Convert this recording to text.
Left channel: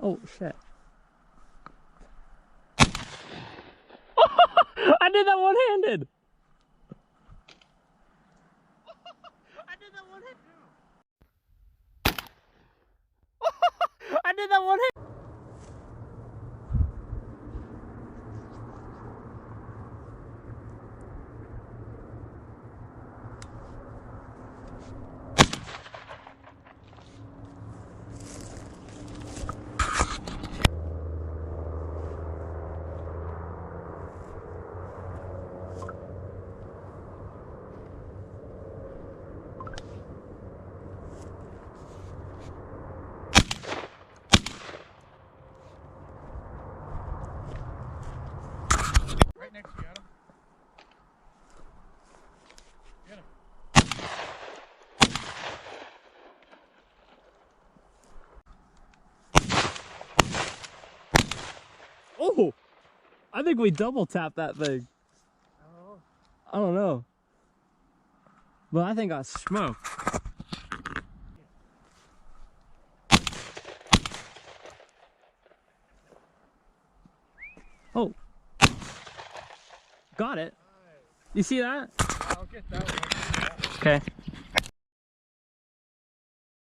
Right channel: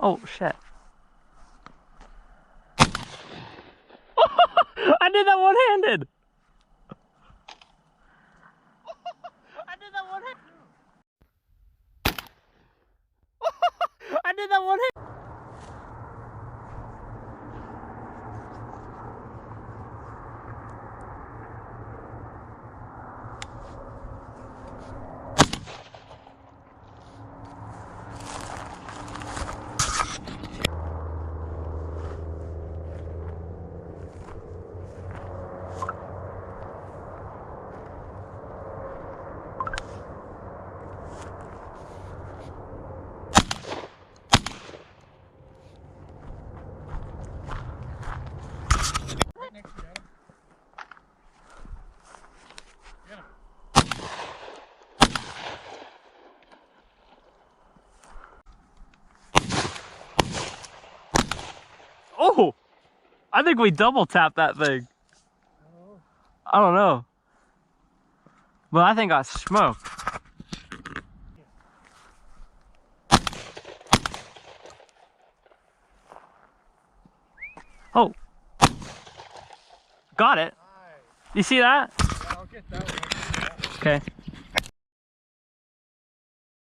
Oh, shit. I did that one-handed. I did that one-handed. I did that one-handed. Right next to you, Adam. Get him. Oh, I think we double tapped that thing. Oh. I don't know. But I think I smoked. Oh. Got it. Nice. You see that? Yeah, I'll get that one. Okay.